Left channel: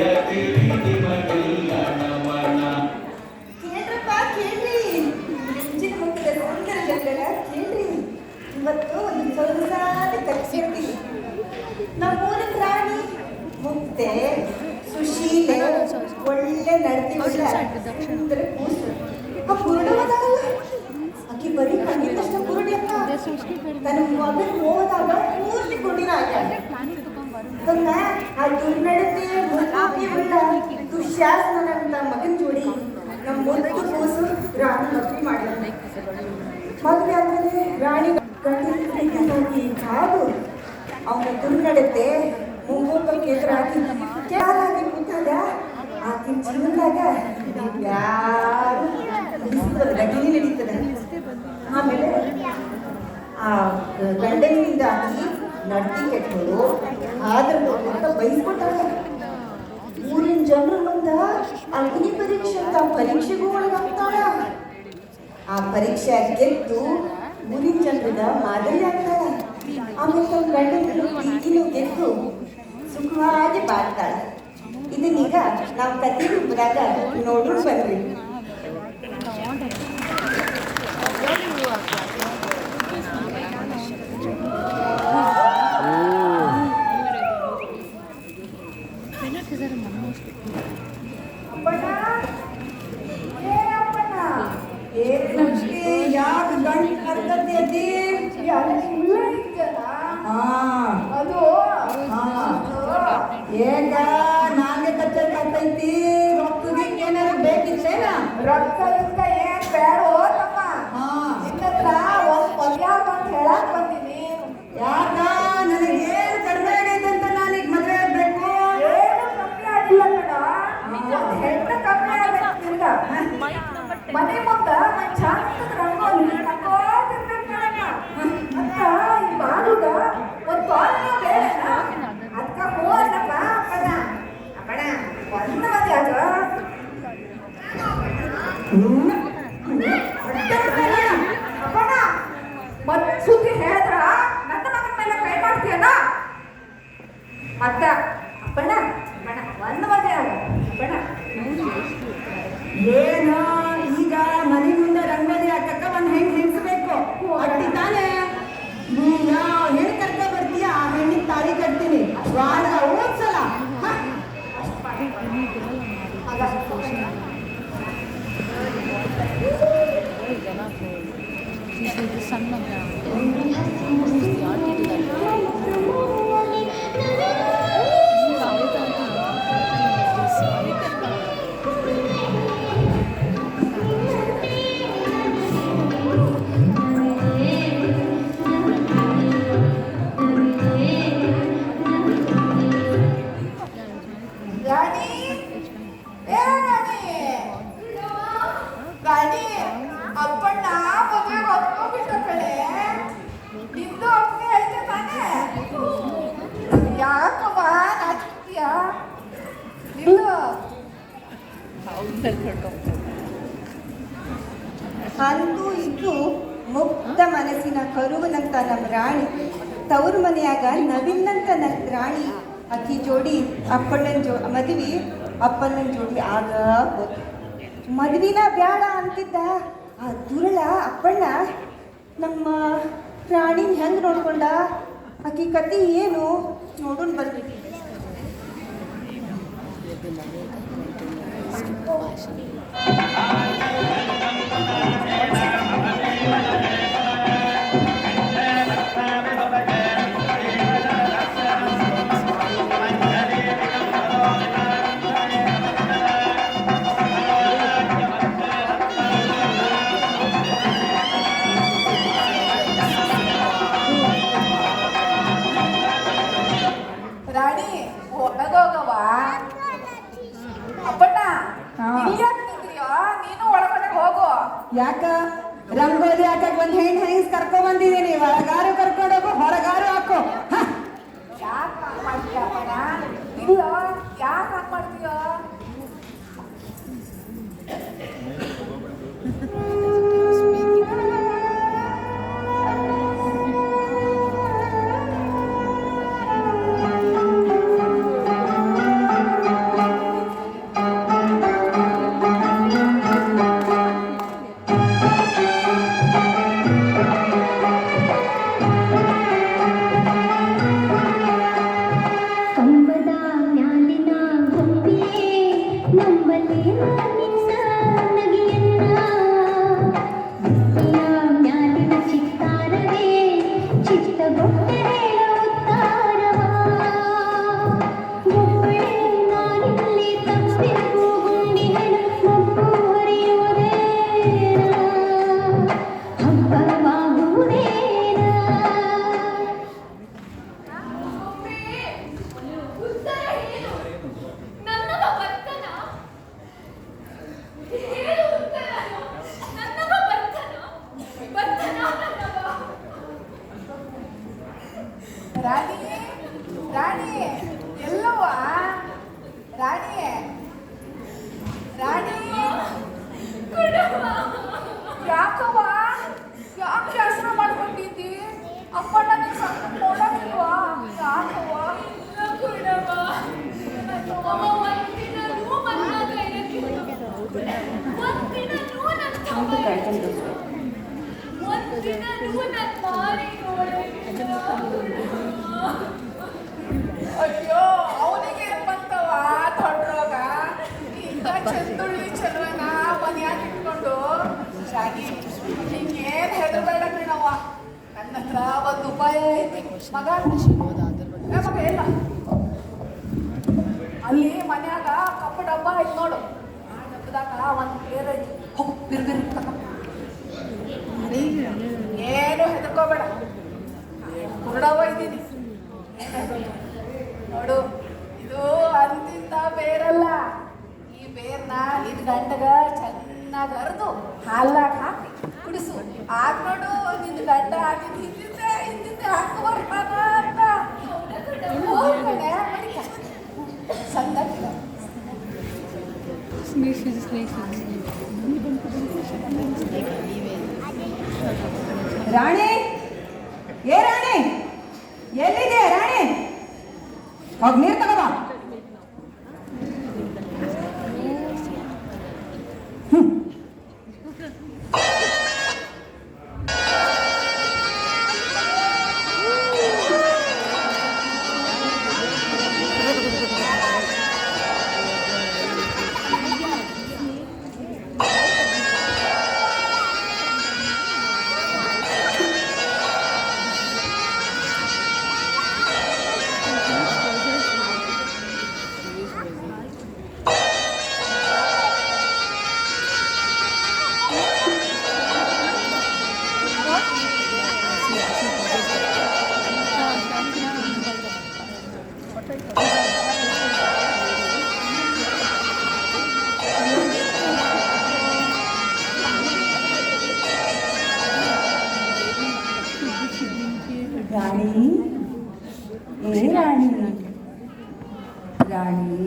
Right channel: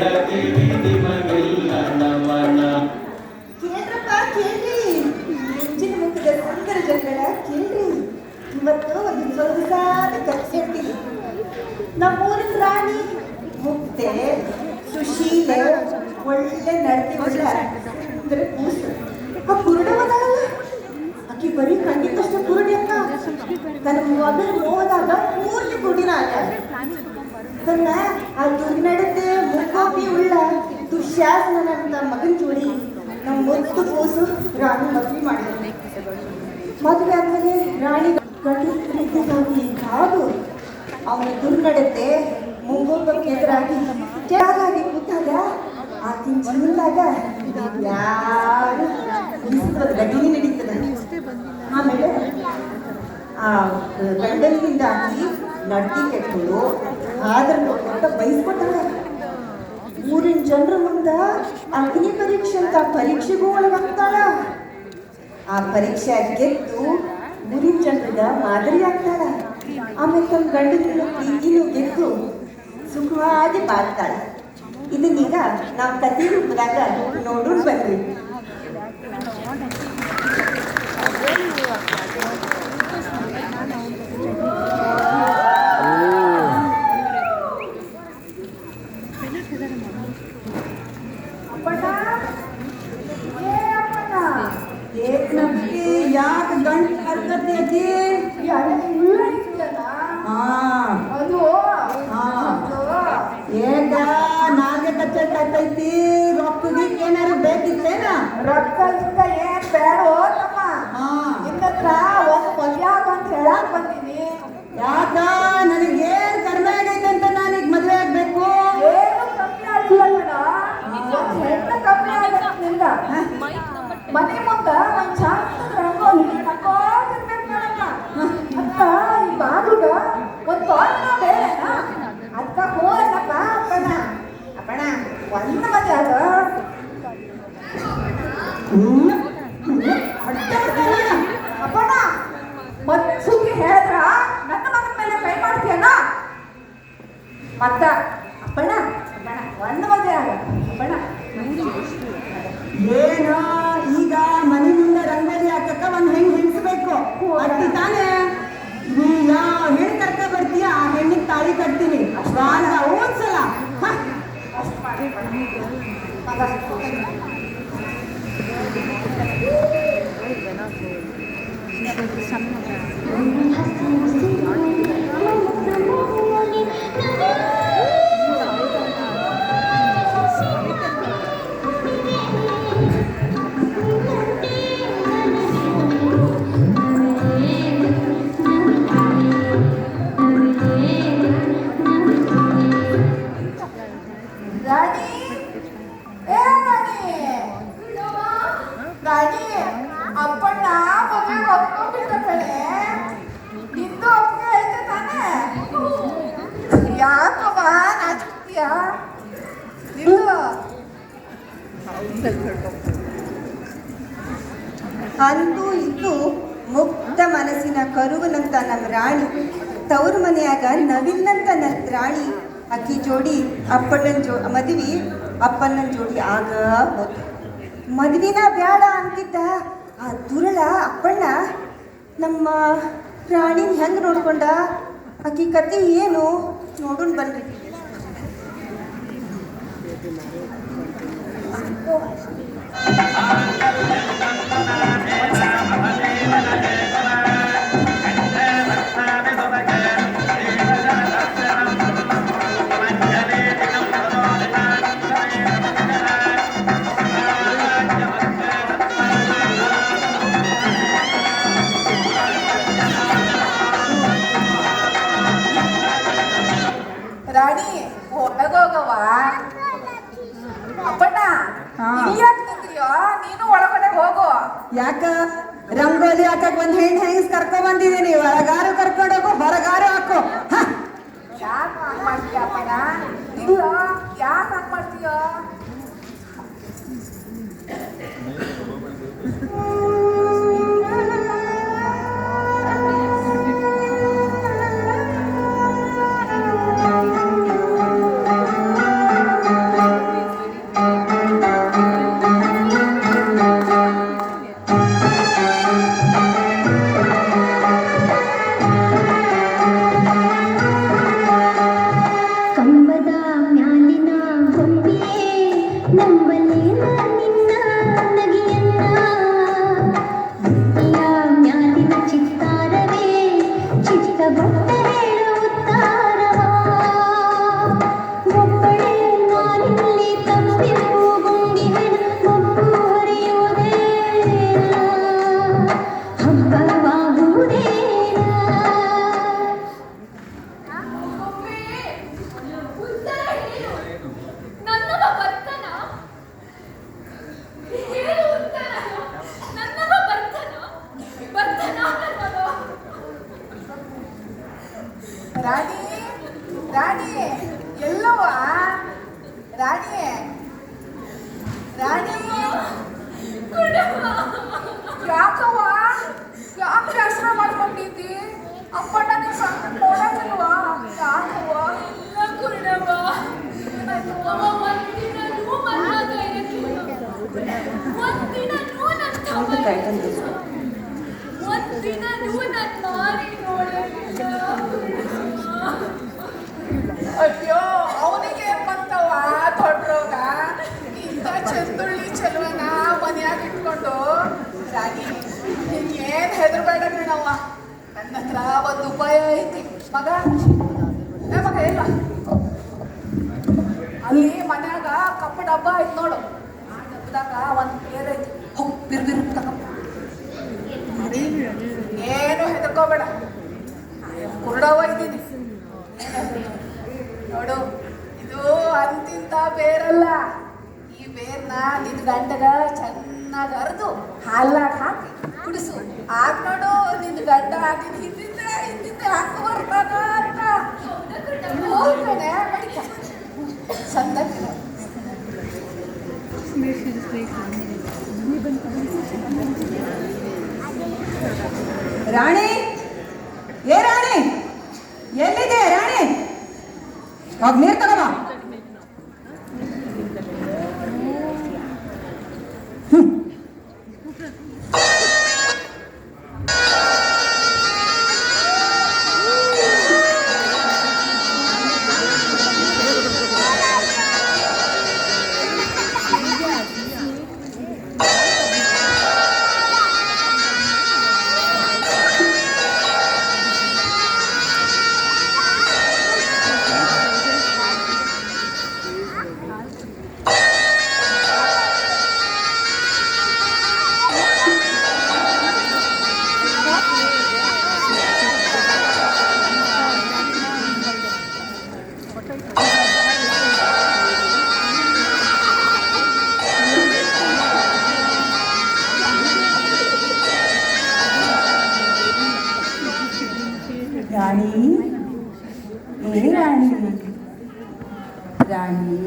ಕೇಳ್ರಪ್ಪ ಕೇಳ್ರಿ, ಮುಂಚಿನ ಮುಖದ ಸುಂದರ ಜಗಳ ಕೇಳ್ರಿ. ಇವತ್ತು ಒಂದು ಸೊಗಸಾದ ಕಥೆ. ನಮ್ಮೂರಿನ ರಾಣಿ ಮುಕ್ತೆ ಸುಶೀಲೆ ಒಳ್ಳೆ ನಡತೆ ಉಳ್ಳ ಸುಂದರ ಕೂಸು. ಆ ಕುರುಡವದಲ್ಲ, ಆಕಿ ಬರೀ ಕಣ್ಣಿದ್ದಷ್ಟು ಕುರುಡಿ ಅಕ್ಕ. ತನ್ನ ಮೊದಲು ಹೋದಾಗ ಪೂರ್ತಿ ಕುಡಿರಾಗ ತನ್ನ ಆ ದುರ್ನಡತೆ ಮುಖಾಪಿ ಉಳ್ಳ ದುಶ್ಯಾಸನ ಮಗನ ಜೋಡಿ ನಮ್ಮ ಮುದ್ದು ಕೂಸು ರಾಣಿ ಮದುವೆ ಮಾಡಿದ. ಮದುವೆ ಆದ್ಮೇಲೆ ರಾಣಿ ಗಂಡಿಗಾಗಿ ಕಾದು ಅವನ ದುರ್ನಡತೆ ಮುಂಗೋಟಕ್ಕೆ ಎದುರಾಗಿ ಕೆಳಗಾಗಿ ಕೂತಾಗ ಆಕಿನ ಜೀವನದಾಗ ಘಟನೆ ನಡೀತದೆ. ಆಮೇಲೆ ಆ ಗಂಡನಿಂದಾಗಿ ನಡ್ತಿ ಕೆಟ್ಟು ಆದ್ರೆ ಬಯಸ್ಕೊತಾಳೆ. ಊರಿನ ಜನರ ಮುಂದ ಅಗ್ನಿ ಪರೀಕ್ಷೆ ಅಂತ ಪರೀಕ್ಷೆಗೂ ಒಳಗಾಗ್ತಾಳ. ಆ ಪರೀಕ್ಷೆ ಗೆದ್ದು ಊರಿನ ಜನರಿಗೆ ಮಾದರಿ ಆಗ್ತಾಳ. ಆಮೇಲೆ ತಮ್ಮ ಗಂಡನ ಪ್ರೀತಿನೂ ಗೆದ್ದು ಸುಖವಾಗಿ ಬಾಳ್ತಾಳೆ. ಇದನ್ನೀಗ ನಾವು ಕಥೆ ರೂಪದಾಗ ನೋಡೋಣ ಬರ್ರಿ. ಮನೆ ಮುಂದ ಒಂದ್ ಚಾಂದ ರಂಗೋಲಿ ಹಾಕೋತಿರ್ಬೇಕು ಮೇಡಮ್ಮ. ಅಕ್ಕ ಈ ಬಾಗಿಗ ಒಂದ್ ತೋರಣ ಬೇಡನ ಅಕ್ಕ ಹೋದಕ್ಕ ಅಪ್ಪನ ಅಪ್ಪಣ ಒಂದ್ ಮದ್ವೆ ಆಗ ಅಪ್ಪಣ ಮತ್ ಸುದ್ದಿ ಹೇಳಿದ್ರ ನನ್ನ ಮಗನ ಮೇಲೆ ಕೈ ಮಾಡ್ತೀಯನ ಮತ್ತ ಅಪ್ಪಣ ಒಂದ್ ಮದ್ವೆ ಆಗ ಅಪ್ಪಣ ಏನೋ ಈಗ ಮನೆ ಮುಂದೆ ರಂಗೋಲಿ ಹಾಕಕ್ಕ ಒಂದ್ ಹೆಣ್ಣು ಹೆಣ್ಸ್ಬೇಕು ಅಟ್ಟಿ ತಾನೇ. ಯಾವ ಹೆಣ್ಣು ಕರ್ಕ ಬರ್ತೀಯ ಆ ಹೆಣ್ಣಿಗೆ ತಾಳಿ ಕಟ್ತೀನಿ. ಓದ್ಸಲ ಅಂದು ಇದ್ದು ಮುಗ್ಧ ಮನಸ್ಸಿನ ಕರುವನಂತ ನಮ್ಮ ರಾಣಿ ತವರು ಮನೆಯಾಗ ನವಿಲ್ಲಂತ ರಾಣಿ ಅಕ್ಕಿ ಜೋಡಿ ಮದುವೆ ಅಪ್ಪಣ್ಣನ ಜೋಡಿ ಆಗ ಹೋತು. ಮದುವಿನ ಬೇಡ ಅಂತಿದ್ದ ಆ ದುರುಳ ಅಪ್ಪಣ್ಣ ನಮ್ಮ ರಾಣಿನ ಹೆಂಗೆ ನೋಡ್ಕೊಂಡ ಅಕ್ಕಿ ಕತೆ ಏನು ನೋಡೋಣ ಬರ್ರಿ. ರಾಣಿ ಒಳಗೋಗವ ಅಪ್ಪಣ್ಣ ನಿಂತ್ರಿಯೋ ನೀನು ಒಳಗಡೆ ಹೋಗು. ಯಾಕ ರಂಗೋಲಿ ಹಾಕಕ್ ಒಂದ್ ಹೆಣ್ಣು ಹೆಂಗ್ಸ್ ಕರ್ಕೊಂಡ್ ಬಂದಿದ್ದೀನಿ. ಹೊರಗಾರು ಕರ್ಕೊಂಡೋಗೋ ಹೊರಗಾರು ಹಾಕೋ. ಯಾಕೆ ಹಂಗ್ ಮಾಡ್ತೀಯ ಅಪ್ಪಣ್ಣ? ಇಲ್ಲ ಯಾಕೆ ಹಂಗ್ ಮಾಡ್ತೀಯೋ? ರಾಣಿ ರಾಣಿ ಎಲ್ಲವ ರಾಣಿ ರಾಣಿ ಯಾಕವ್ವ ಯಾಕೆ ಹೆಸರು ಮಾಡ್ಕೊಂಡಿದ್ದಿ ಅಪ್ಪಣ್ಣನ ನೋಡಕ್ಕಿಲ್ವಾ ಯಾಕವ್ವ ಅಯ್ಯೋ ಅವನಿಗೆ ಏನ್ ಬಂತವ ದೊಡ್ಡ ರೋಗ ಇಂಥ ಚಂದುಳ್ಳಿ ಚೆಲುವನ ಮನೆಯಾಗ ಇಟ್ಕೊಂಡು ರಾಗಿ ಹಿಂಗೇನ್ ಹೆದರ್ಬೇಡ ಕಣವ್ವ ನನ್ನ ಹತ್ರ ಒಂದು ಉಪಾಯ ಐತಿ ಮಗ ಮಗ ಇಲ್ಲ ಅಲ್ಲಿ ಮನ್ಯಾಗ ಕಪ್ಪು ಡಬ್ಬ ಐತಿ ನೋಡು ಆ ಡಬ್ಬದಾಗ ಒಂದು ಪೇರ್ ಐತಿ ಹೋಗ್ ಬಿರ್ಬಿರ್ ಏನು ಹೆದರ್ಕೋಬೇಡ ಕುರುಡವ್ವ ಇದ್ದೀನಿ ನೋಡು ಇದು ಅಂತಿಂತ ಬೇರಲ್ಲ ಈ ಬೇರ್ನ ನಿನ್ ಗಂಡಗ ಚೆನ್ನಾಗಿ ಅರ್ದು ಹಾಲಾಗ ಹಾಕಿ ಕುಡಿಸು ಆಗ ನೋಡು ನಿನ್ ಗಂಡ ಹಾಕಿದ ಹಿಂದಿಂದ ಹಾಕಿ ಬರ್ತಾನ ಅಂತ ಹೋಗ್ಬೇಡ ಸಂದರ್ಭ ರಾಣಿ ಏ ರಾಣಿ ಎಲ್ಲಿದೆ ರಾಣಿ ಹೋಗ್ ನೀರ್ ತಗೋಬಾ ರಾಣಿ ಏ ರಾಣಿ ರಾಣಿ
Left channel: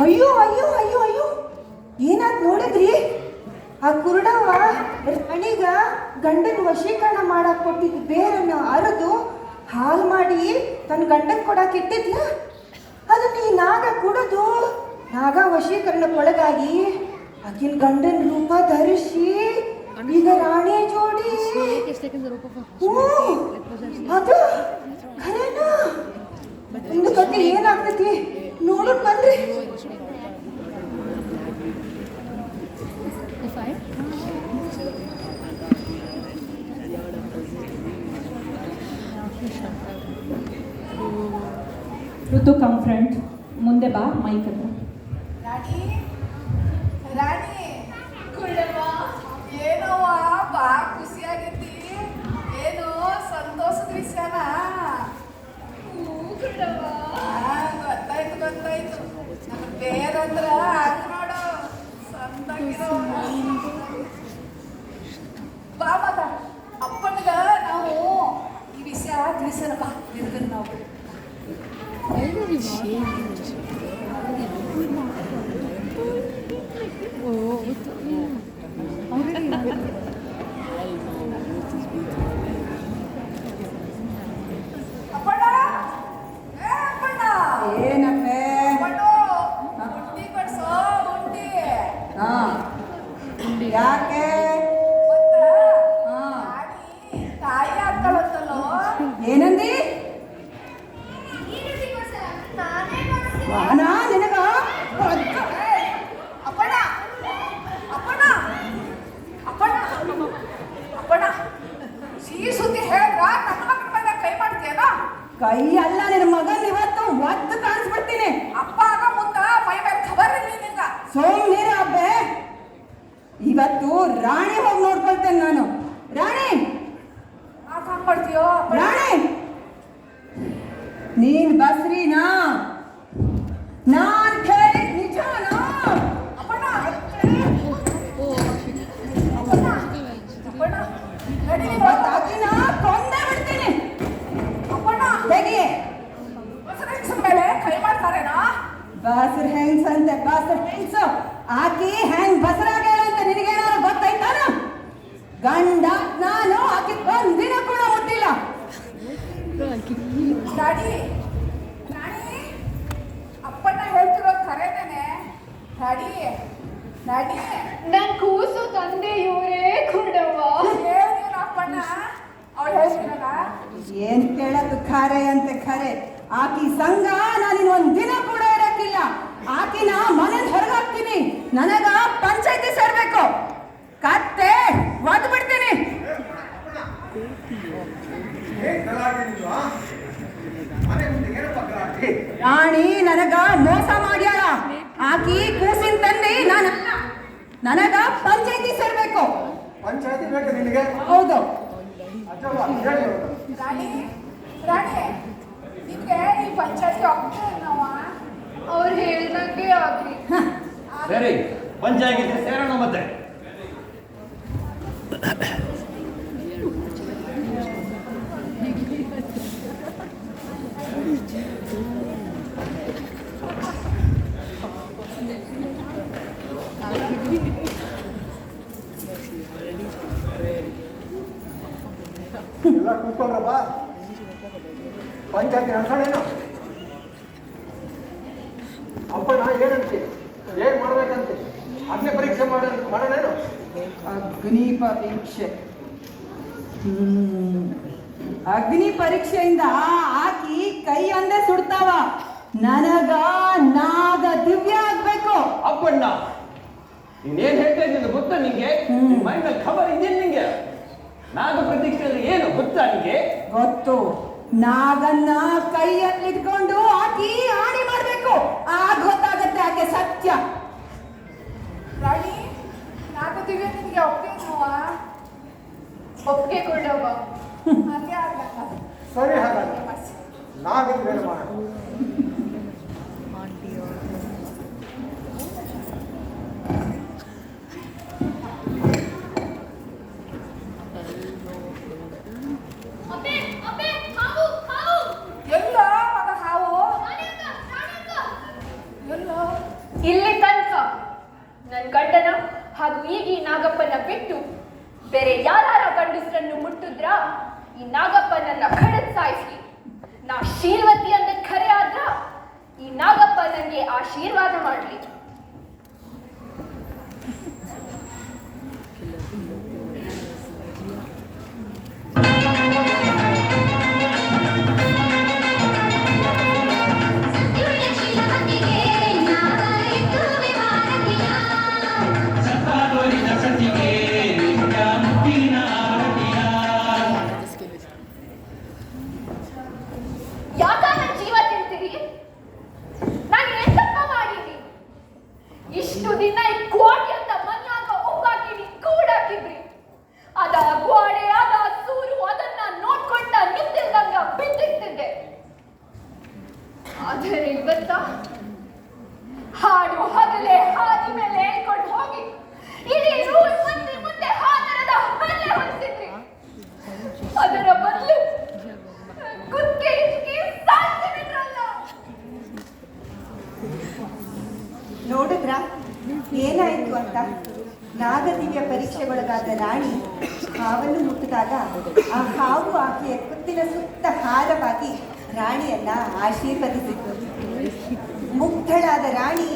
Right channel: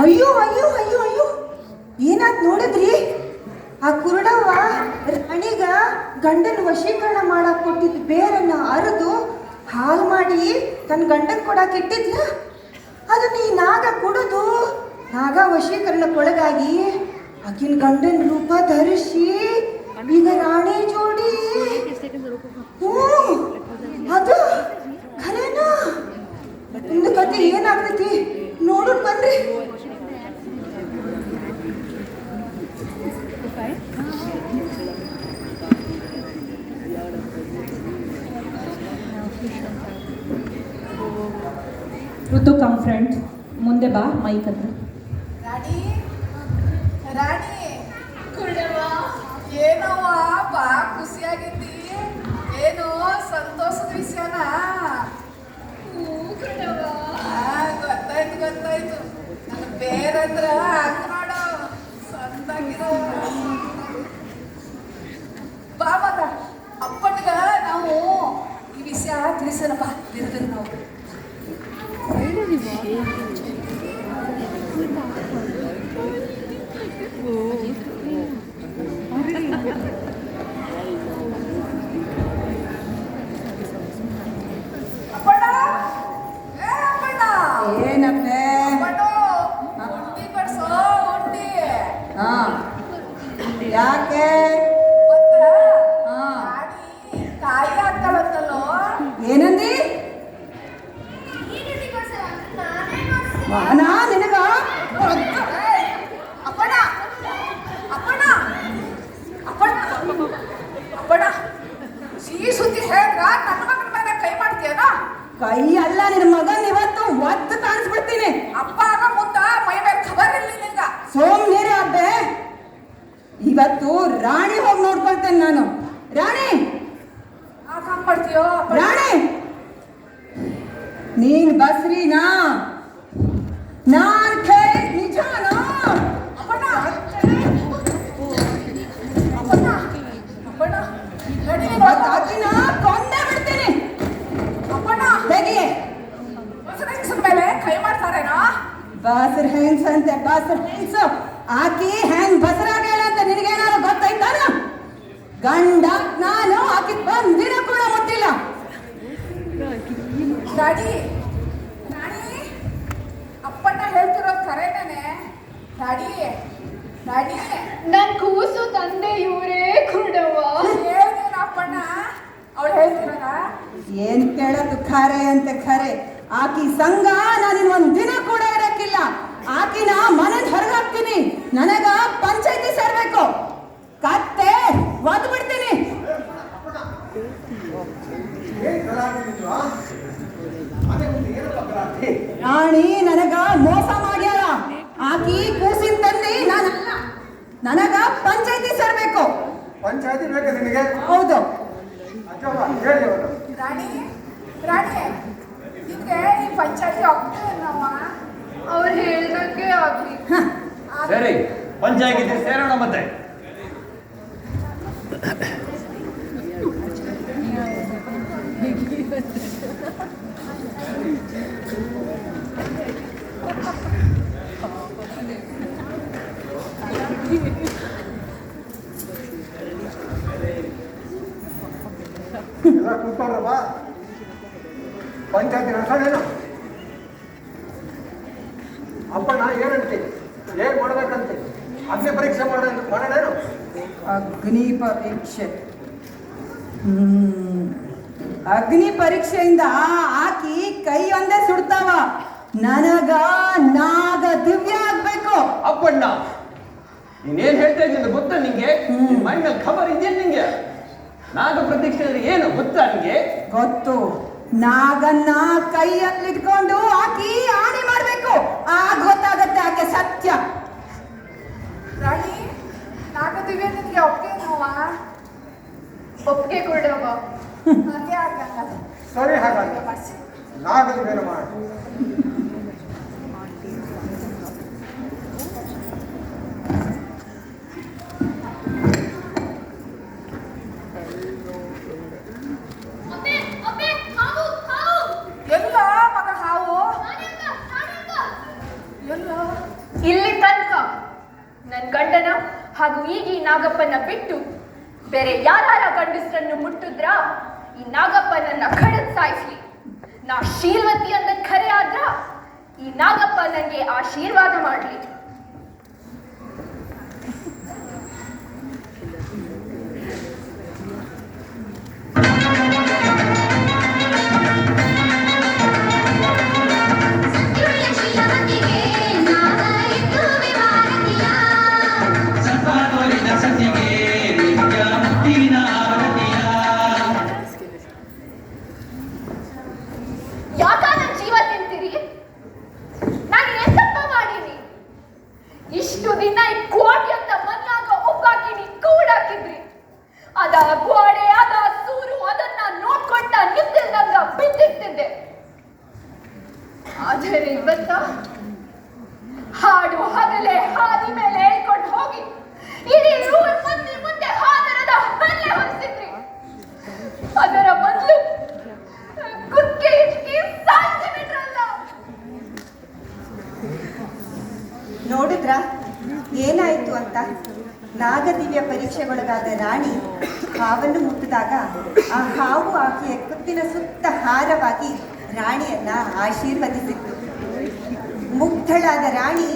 ಅಯ್ಯೋ ಅಯ್ಯೋ ಅಯ್ಯೋ ಅಯ್ಯೋ ಏನಾತ್ ನೋಡಿದ್ರಿ ಆ ಕುರುಡವ ರಾಣಿಗ ಗಂಡನ ವಶೀಕರಣ ಮಾಡಕ್ ಕೊಟ್ಟಿದ್ದು ಬೇರನ್ನ ಅರೆದು ಹಾಲು ಮಾಡಿ ತನ್ನ ಗಂಡಕ್ಕೆ ಕೊಡಕ್ಕೆ ಇಟ್ಟಿದ್ಲ ಅದನ್ನ ಈ ನಾಗ ಕುಡಿದು ನಾಗ ವಶೀಕರಣಕ್ಕೊಳಗಾಗಿ ಆಕಿನ ಗಂಡನ ರೂಪ ಧರಿಸಿ ಈಗ ರಾಣಿ ಜೋಡಿ ಅದು ಖರೇನಾ ನಿಮ್ದು ಕತೆ ಏನಾಗ್ತೈತಿ ನೋಡೋಣ ಬನ್ರಿ ಋತು ಕಮ್ ಫ್ರೆಂಡ್ ಮುಂದೆ ಬಾ ಮೈಕ್ ಹತ್ರ ರಾಣಿ ರಾಣಿ ಕುಳ್ಳವ ಏನವ್ವ ಬಾ ಖುಷಿಯಾಗಿದ್ದಿ ಏನು ಸಂತೋಷದ ವಿಷಯನಾ ಗೊತ್ತಾಯ್ತು ಗೊತ್ತಾಯ್ತು ನನಗೆ ಬೇರಂದ್ರ ಹಂಗ ನೋಡು ಸಂತಾಗಿರೋ ಬಾ ಮಗ ಅಪ್ಪನಿಗ ನಾವು ಈ ವಿಷಯ ತಿಳಿಸೋಣ ಬಾ ಬಿರ್ಬಿರ್ ನಾವು ಇವತ್ತು ರಾಣಿ ಹೋಗಿ ನೋಡ್ಕೊಳ್ತೇನೆ ನಾನು. ರಾಣಿ ಹಾಕೊಂಡ್ಬರ್ತೀಯೋ ರಾಣಿ, ನೀನ್ ಬಸ್ರಿನಾ? ನಾನ್ ಕೇಳಿದ್ ನಿಜಾನಾ? ಅಪ್ಪಣ್ಣ ಅಪ್ಪಣ್ಣ ಅಪ್ಪಣ್ಣ ನಡಿ ಅದಿನ ಕೊಂದೇ ಬಿಡ್ತೀನಿ. ಅಪ್ಪಣ್ಣ ತೆಗಿಯೇ. ಬಸವಣ್ಣನ ಮೇಲೆ ಕೈ ಮಾಡ್ತಾರೇನಾ? ಬಾಸರ್ ಹೆಂಗ್ಸ್ ಅಂತೆ, ಬಾಸರ್ ಹೆಂಗ್ಸು. ಆಕಿ ಹೆಂಗ್ ಬಸರಾಗ್ಯಾಳ ಅಂತ ನಿನಗೇನಾದ್ರು ಗೊತ್ತಾಯ್ತಾನ? ಗಂಡ ನಾನು ಆಕಿ ಒಂದಿನ ಕೂಡ ಗೊತ್ತಿಲ್ಲ. ಡ್ಯಾಡಿ ರಾಣಿ ಅಪ್ಪಣ್ಣ ಹೇಳ್ತಿರೋದು ಕರೆನೇನೆ? ಡ್ಯಾಡಿ ಡ್ಯಾಡಿ ನನ್ ಕೂಸು ತಂದೆ ಇವರೇ ಕುರುಡವ್ವ. ಏನೇನು ಅಪ್ಪಣ್ಣ ಅವಳು ಹೇಳ್ತಿರೋದ? ಏನ್ ಕೇಳೋದು ಖರೆ ಅಂತೆ ಖರೆ. ಆಕಿ ಸಂಘ ನಾನಿನ್ ಒಂದ್ ದಿನ ಕೂಡ ಇರಕ್ಕಿಲ್ಲ. ಆಕಿನ ಮನೆ ಹೊರಗಾಕ್ತೀನಿ. ನನಗ ಪಂಚಾಯತಿ ಸೇರ್ಬೇಕು. ಕತ್ತೆ ಒದ್ ಬಿಡ್ತೀನಿ. ರಾಣಿ ನನಗ ಮೋಸ ಮಾಡ್ಯಾಳ. ಆಕಿ ಕೂಸಿನ ತಂದೆ ನಾನಲ್ಲ. ನನಗ ಪಂಚಾಯತಿ ಸೇರ್ಬೇಕು. ಪಂಚಾಯತಿ ಬೇಕು ನಿನಗೆ? ಹೌದು. ಅಥವಾ ಹೇಳಿ ಅವರು. ರಾಣಿ ರಾಣಿ ನಿಮ್ಗೆ ಈ ಪಂಚಾಯತಿ ಹೋಗ್ತೇವೆ ನಾವ? ಅವ್ರು ಹೇಳ್ದಂಗೆ ಆಗ್ಲಿ. ಸರಿ, ಪಂಚಾಯತಿ ಸೇರೋಣ ಮತ್ತೆ. ಎಲ್ಲ ಕೂತ್ಕೊಂಡ್ರಪ್ಪ. ಪಂಚಾಯತಿ ನಡೆಸೋಣ. ಅಪ್ಪಣ್ಣ ಏನಂತೆ? ಏನ್ ಮಾಡ್ಬೇಕಂತೆ? ಅಗ್ನಿ ಪರೀಕ್ಷೆ ಮಾಡೋಣೇನು? ಅಗ್ನಿ ಪರೀಕ್ಷೆ. ಅಗ್ನಿ ಪರೀಕ್ಷೆಯಿಂದ ಆಕಿ ಕೈ ಒಂದೇ ಸುಡ್ತಾವ. ನನಗ ನಾಗ ದಿವ್ಯ ಆಗ್ಬೇಕು. ಅಪ್ಪಣ್ಣ, ನೀನೇನ್ ಹೇಳ್ತಾ ಇದ್ದೀನಿ ಗೊತ್ತಾ ನಿಂಗೆ? ನಿನ್ ಮೈಂಡ್ ಖಬರ್ ಇದೆಯಲ್ಲ ನಿಂಗೆ? ನಾಗ ಪ್ರತೀಕ್ಷೆ ಏನು ಗೊತ್ತಾ ನಿಂಗೆ? ಗೊತ್ತು. ನಾಗನ್ನ ಕೈಯಲ್ಲಿ ಇಟ್ಕೊಂಡು ಆಕಿ ಆಣಿ ಮಾಡ್ಬೇಕು. ಆಗ ಗೊತ್ತಾಗತ್ತೆ ಆಕೆ ಸತ್ಯ. ರಾಣಿ ನಾಗದಿವ್ಯ ನಿಮ್ಗೆ ಒಪ್ಪಿಗೆ ನಾವ? ಒಪ್ಪಿಗೆ ಕೊಡವ್ವ. ಹಂಗೆ ಆಗಲ್ಲ. ಸರಿ, ಹಾಗಾದ್ರೆ ನಾಗದ ಬೇರೆ ಮಾಡ. ಎಲ್ಲೋ ಮಗ ಹಾವು? ಎಲ್ಲೋ? ಇಲ್ಲಿ ತನಕ ನನ್ ಗಂಡನ ಹಾಗೂ ಈಗ ಈ ನಾಗಪ್ಪನ ಬಿಟ್ಟು ಬೇರೆ ಯಾರ ಗಂಡಸರನ್ನು ಮುಟ್ಟಿದ್ರ ಈ ನಾಗಪ್ಪ ನನ್ನ ಖಡದ್ ಸಾಯಿಸ್ಲಿ. ನಾ ಶೀಲವತಿ ಅಂತ ಖರೆ ಆದ್ರ ಈ ನಾಗಪ್ಪ ನನಗೆ ಆಶೀರ್ವಾದ ಮಾಡ್ಲಿ. ಯಾಕ ನನ್ನ ಜೀವ ತಿಂತೀರಿ? ನಾನು ಎಂತಪ್ಪ ಮಾಡೀನಿ? ಇಷ್ಟು ದಿನ ಈ ಕೋಟಿ ಅಂತ ಮನ್ನಾಗ ಒಬ್ಬಾಕಿನಿ ಕೂಡಾಕಿದ್ರಿ. ಅದ ಗೋಡೆ ಅದ ಸೂರು ಅದನ್ನ ನೋಡ್ಕೊಂಡ ನಿಂತಿದ್ದಂಗ ಬಿದ್ದಿರ್ತಿದ್ದೆ. ಆದರೆ ಇವತ್ತ ಹಾಡು ಹಗಲೇ ಹಾದಿ ಮೇಲೆ ಹೇಳ್ಕೊಂಡು ಹೋಗಿ ಇಡೀ ಊರ್ ಮಂದಿ ಮುಂದೆ ಹಾದರದ ಬೆಲೆ ಹೊರಿಸಿದ್ರಿ. ಅದರ ಬದಲು ಕುಕ್ಕೆ ಇಚ್ಕಿ ಸಾಯ್ತು ಬಿಟ್ರಲ್ಲ. ನೋಡಿದ್ರ ಏನಾಯ್ತು ಅಂತ? ನಾಗದಿವ್ಯ ಪರೀಕ್ಷೆಗೊಳಗಾದ ರಾಣಿ ಹಾವನ್ನು ಮುಟ್ಟಿದಾಗ ಆ ಹಾವು ಆಕೆಯ ಕುತ್ತಿನ ಸುತ್ತ ಹಾರವಾಗಿ ರಾಣಿಯನ್ನ ಆಶೀರ್ವದಿಸಿತು. ಮುಗ್ಧಳಾದ ರಾಣಿ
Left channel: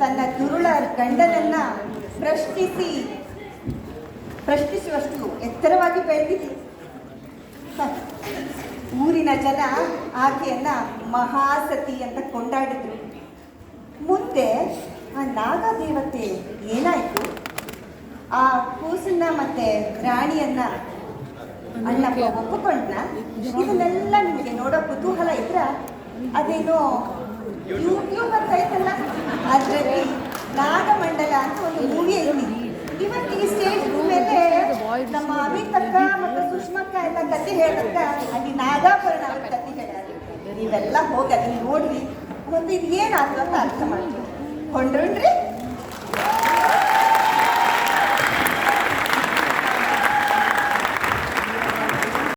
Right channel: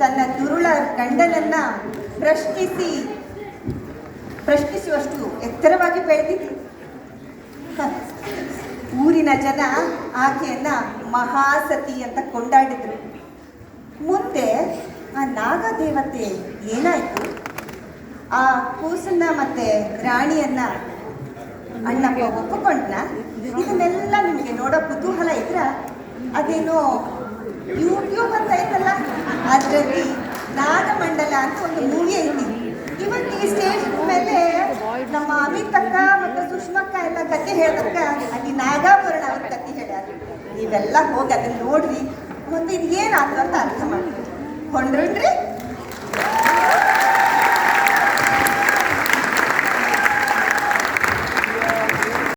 ತನ್ನ ದುರುಳ ಗಂಡನನ್ನ ಪ್ರಶ್ನಿಸುವಷ್ಟು ಎತ್ತರವಾಗಿ ಬೆಳೆದಿತ್ತು. ಊರಿನ ಜನ ಆಕೆಯನ್ನ ಮಹಾಸತಿ ಅಂತ ಕೊಂಡಾಡಿದ್ರು. ಮುಂದೆ ಆ ನಾಗದೇವತೆ ಏನಾಯ್ತು? ಆ ಕೂಸನ್ನ ಮತ್ತೆ ರಾಣಿಯನ್ನ ಅಣ್ಣಪ್ಪ ಒಪ್ಪಿಕೊಂಡ್ನ? ಇದನ್ನೆಲ್ಲ ನಿಮಗೆ ನೋಡೋ ಕುತೂಹಲ ಇದ್ರ ಅದೇನೋ ಯೂಟ್ಯೂಬ್ ಅಂತ ಐತಲ್ಲ, ಅದರಲ್ಲಿ ನಾಗಮಂಡಲ ಅಂತ ಒಂದು ಮೂವಿ ಐತಿ. ಈ ಕತೆ ಹೇಳ್ಬೇಕ ಅಲ್ಲಿ ನಾಗಾಭರಣ ಅವ್ರ ಕತೆ ಹೇಳ್ಯಾರ. ನೀವೆಲ್ಲ ಹೋಗಿ ಅದನ್ನ ನೋಡ್ರಿ, ಮತ್ತೆ ಇದು ಏನಾಗ್ತದೆ ಅಂತ ಅರ್ಥ ಮಾಡ್ತೀವಿ. ಕೊಂಡ್ರನ್ರಿ?